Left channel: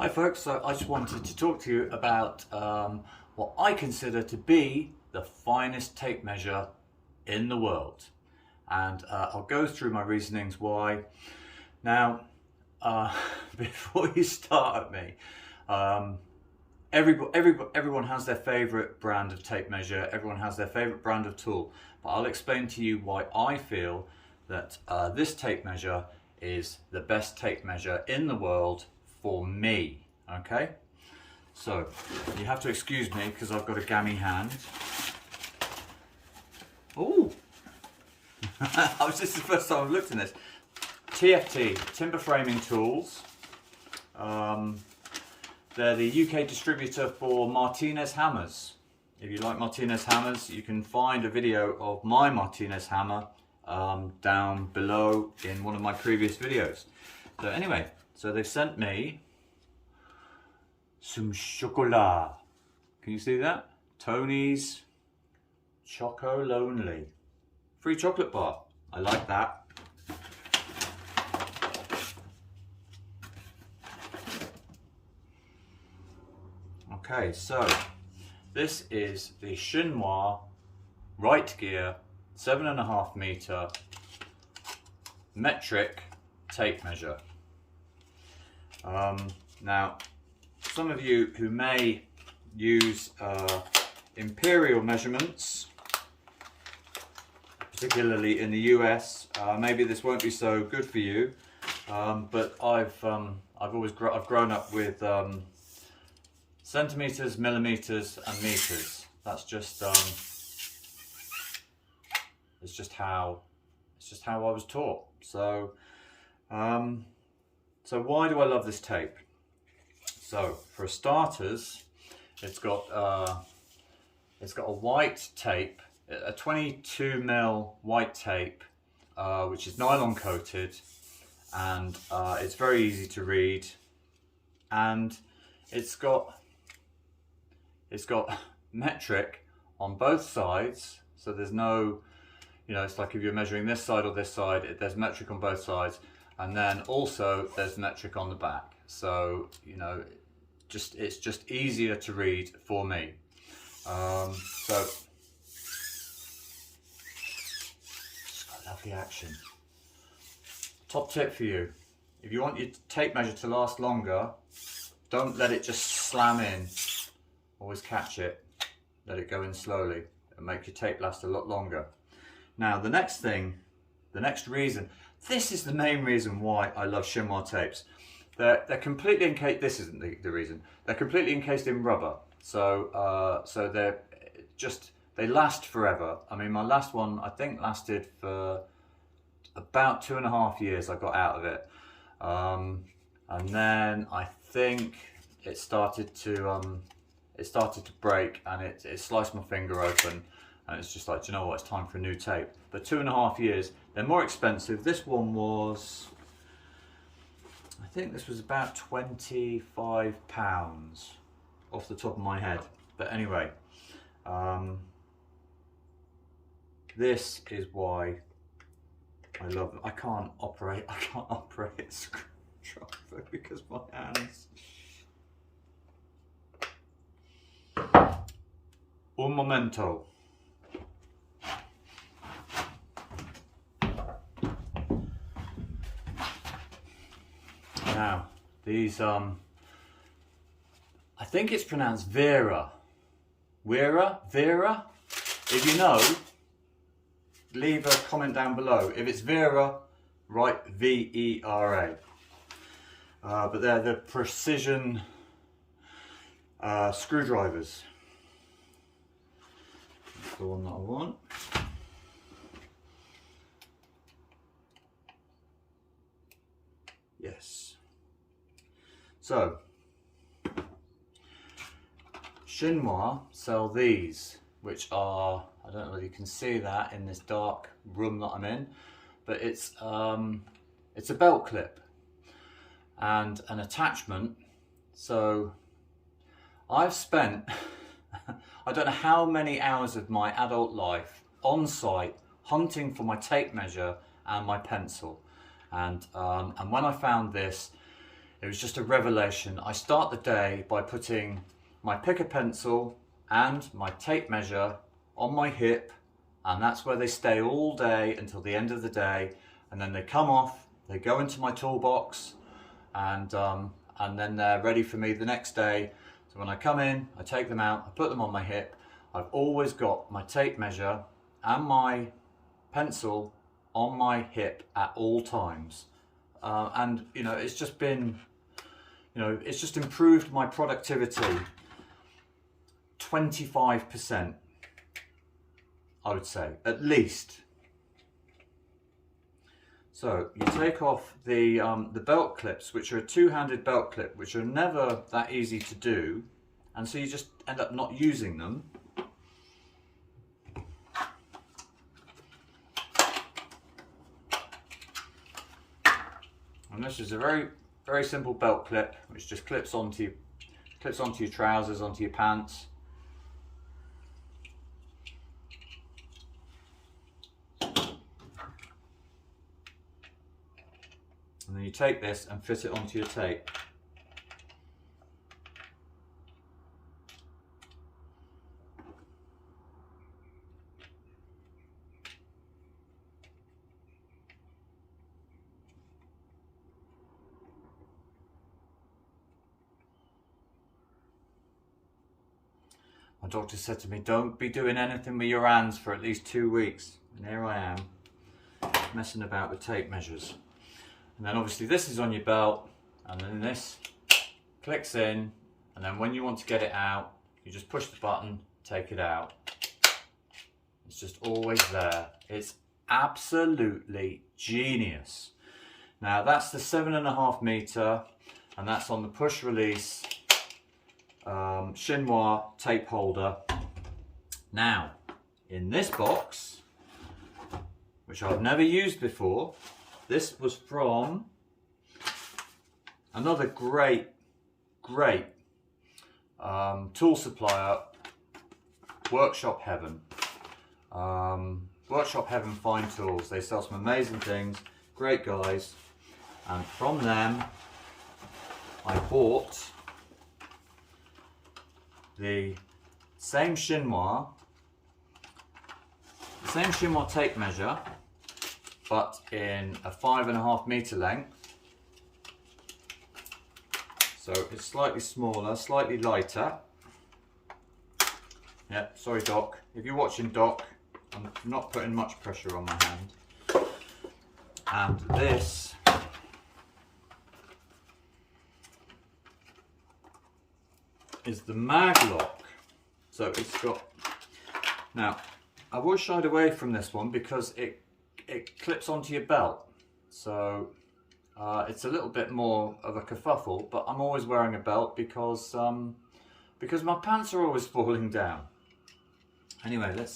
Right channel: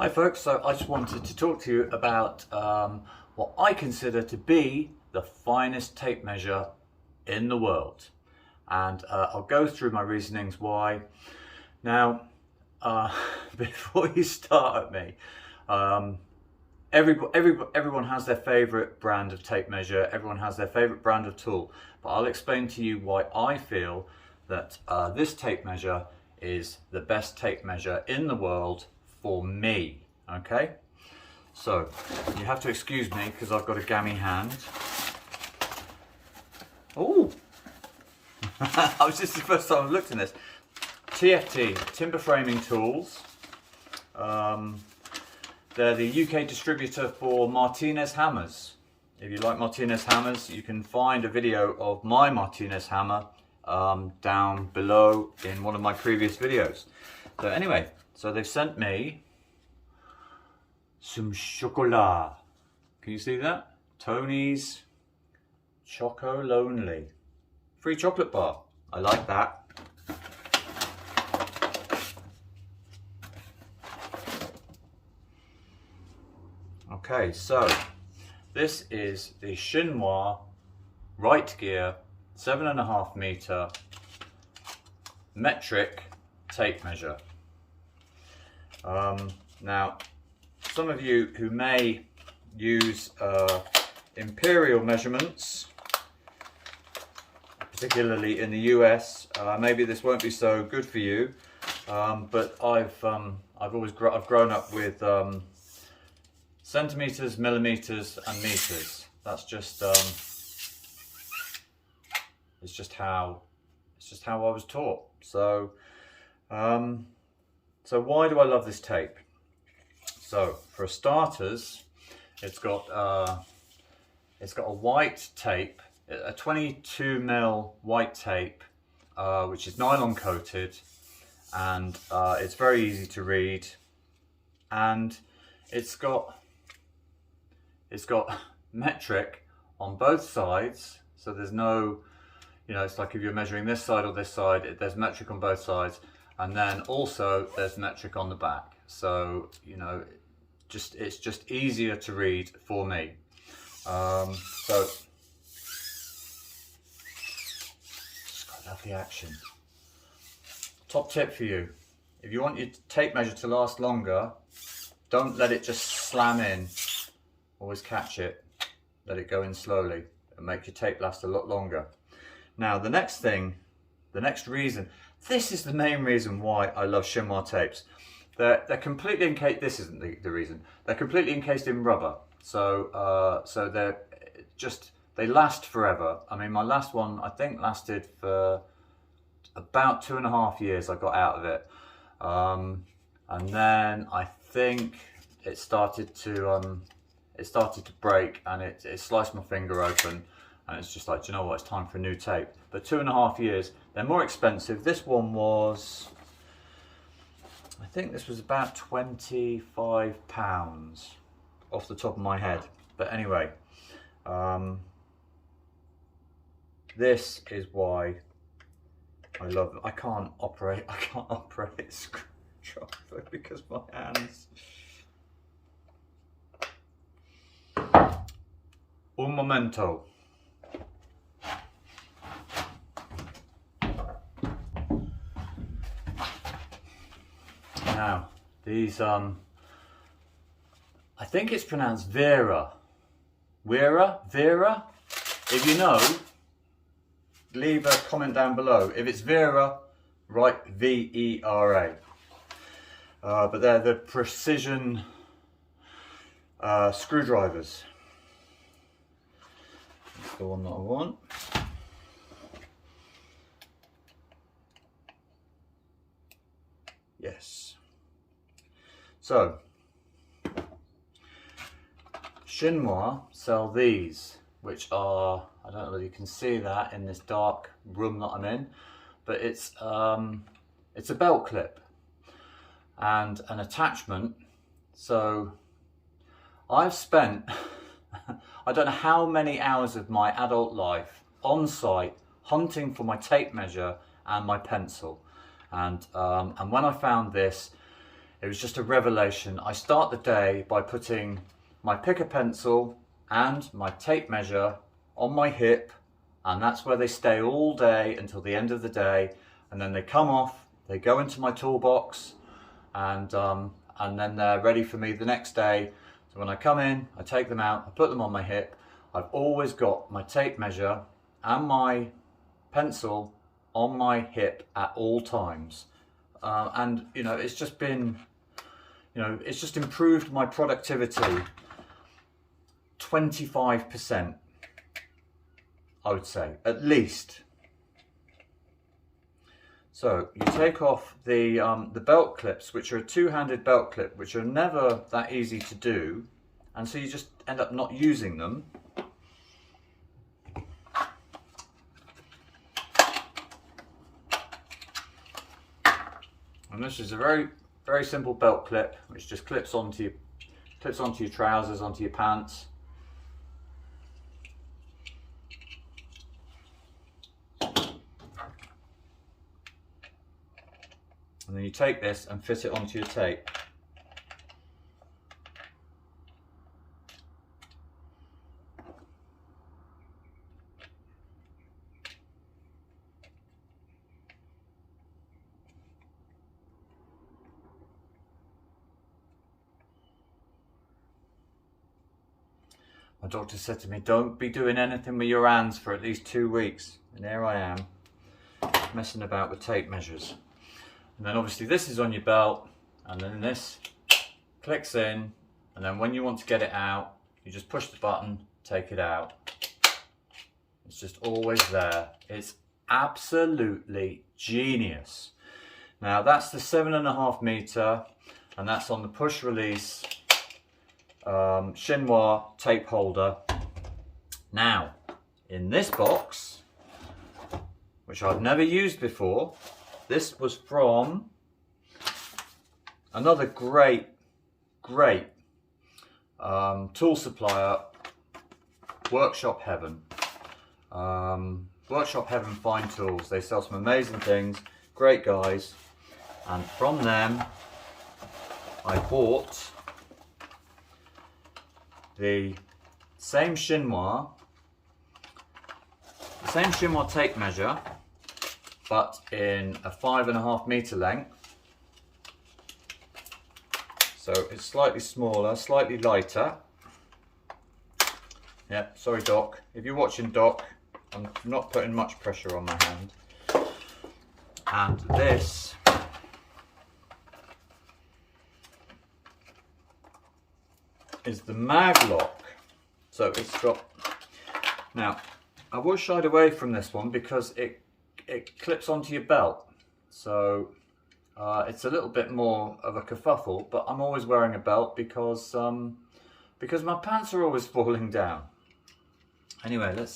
Hi folks, so I just wanted to talk to you about what I consider to be the finest tape measure in the world, and I'll go through my reasonings why. Now, before you start at me, everyone has their favorite brand of tape measure, everyone has their favorite brand of tool, but I'll explain to you why I feel that this tape measure is the best tape measure in the world for me. Okay, so you have to excuse me because I've got a gammy hand. Oh, this is the first time I've looked in this. TFT, Timber Framing Tools. They're the UK distributor for Martinez hammers. If you like Martinez hammers, you can find a video of my Martinez hammer down below in one of my previous videos. So anyway, so they've sent me some chocolat. Can you see that? Tony's Choco Lonely. Free chocolate bar. I like that. Okay, so this is the Shinwa right gear 7.5 meter metric tape measure. Now, some of you who may use imperial measurements, particularly in the US, maybe this won't be so good for you. But I've grown up with centimeters, millimeters, and meters. That's just it's just how I was taught. So so why do I love this tape? So for starters, it's got a white tape, a 22mm white tape, which is nylon coated, and it's very easy to read, and it's got metric on both sides, so there's no, it's like if you're measuring this side or this side, there's metric on both sides, and then also there's metric on the back. So it's just easier to read for me. So it's got lovely action. Top tip for you: if you want your tape measure to last longer, don't let it just slam in. Always catch it, let it go in slowly, and make your tape last a lot longer. Now the next reason, this is the main reason why I love Shinwa tapes. They're completely encased. This isn't the reason. They're completely encased in rubber, so they last forever. I mean, my last one I think lasted for about 2.5 years. I got out of it, and then I think it started to break, and it sliced my finger open, and it's just like, do you know what? It's time for a new tape. But 2.5 years. They're more expensive. This one was, I think this was about £25 off the top of my head. But anyway, this is why I love it. I can't operate a screwdriver because my hands. Un momento. Now, these, I think it's pronounced Vera. Vera? If you know, leave a comment down below. If it's Vera, write V-E-R-A. But they're the precision screwdrivers. That's the one that I want. Yes. So, Shinwa sell these, which are, I don't know whether you can see that in this dark room that I'm in, but it's a belt clip and an attachment. So I've spent I don't know how many hours of my adult life on site hunting for my tape measure and my pencil, and when I found this, It was just a revelation. I start the day by putting my picker pencil and my tape measure on my hip, and that's where they stay all day until the end of the day, and then they come off, they go into my toolbox, and then they're ready for me the next day. So when I come in, I take them out, I put them on my hip. I've always got my tape measure and my pencil on my hip at all times, and you know, it's just been, you know, it's just improved my productivity 25%, I would say, at least. So you take off the belt clips, which are a two-handed belt clip, which are never that easy to do, and so you just end up not using them. And this is a very simple belt clip, which just clips onto your trousers, onto your pants. And then you take this and fit it onto your tape. My doctor said to me, don't be doing anything with your hands for at least 2 weeks. And here I am, messing about with tape measures. And then obviously this is on your belt, and then this clicks in, and then when you want to get it out, you just push the button, take it out. It's just always there. It's absolutely genius. Now that's the 7.5 meter, and that's on the push release Shinwa tape holder. Now, in this box, which I've never used before, this was from another great tool supplier, Workshop Heaven. Workshop Heaven Fine Tools. They sell some amazing things, great guys, and from them I bought the same Shinwa tape measure, but in a 5.5 meter length. So it's slightly smaller, slightly lighter. Yeah, sorry Doc. If you're watching, Doc, I'm not putting much pressure on my hand. And this is the mag lock. So it's got, now I was shied away from this one because it clips onto your belt, so it's a little bit more of a kerfuffle, but I'm always wearing a belt because my pants are always falling down. Anyway, let's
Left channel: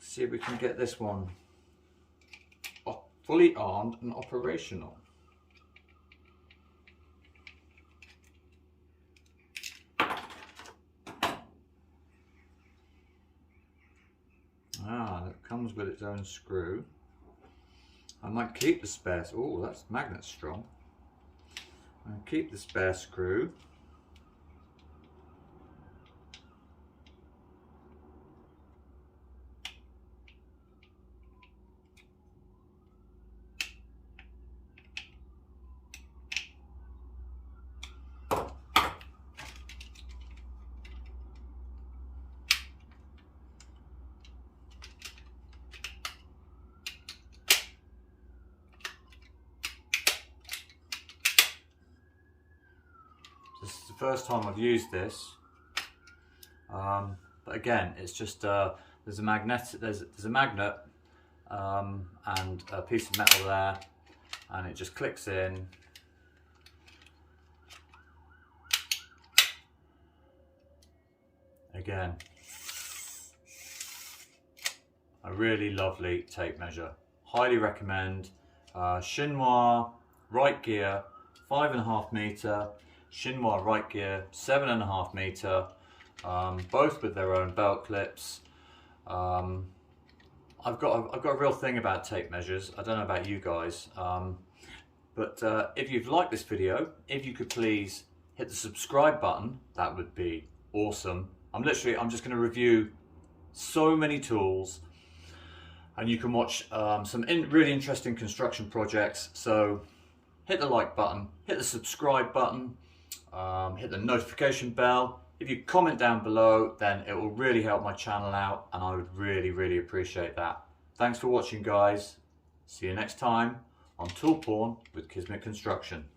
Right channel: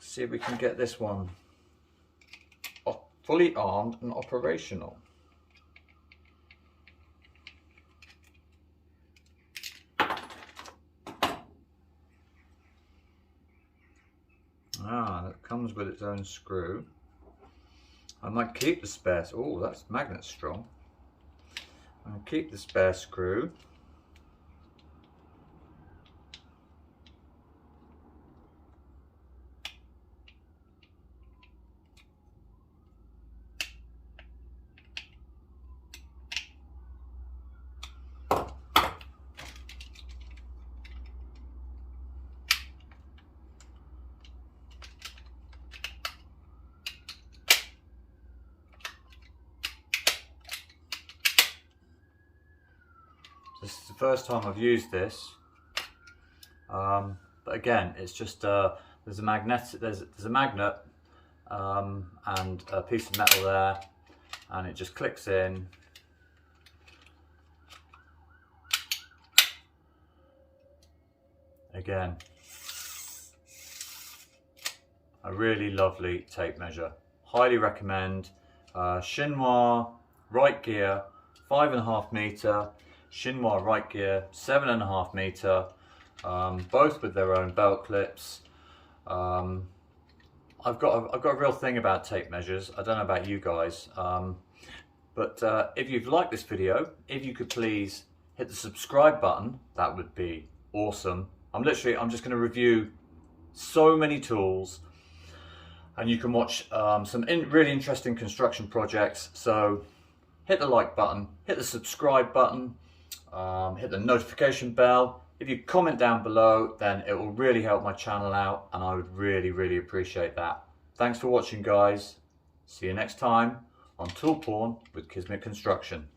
see if we can get this one fully armed and operational. That comes with its own screw. I might keep the spare. Oh, that's magnet strong. I'll keep the spare screw. This is the first time I've used this, but again, it's just there's a magnet and a piece of metal there, and it just clicks in. Again, a really lovely tape measure. Highly recommend. Shinwa right gear 5.5 meter. Shinwa right gear 7.5 meter, both with their own belt clips. I've got a real thing about tape measures. I don't know about you guys. But if you've liked this video, if you could please hit the subscribe button, that would be awesome. I'm just going to review so many tools, and you can watch some really interesting construction projects. So hit the like button, hit the subscribe button, hit the notification bell. If you comment down below, then it will really help my channel out, and I would really appreciate that. Thanks for watching, guys. See you next time on Tool Porn with Kismet Construction.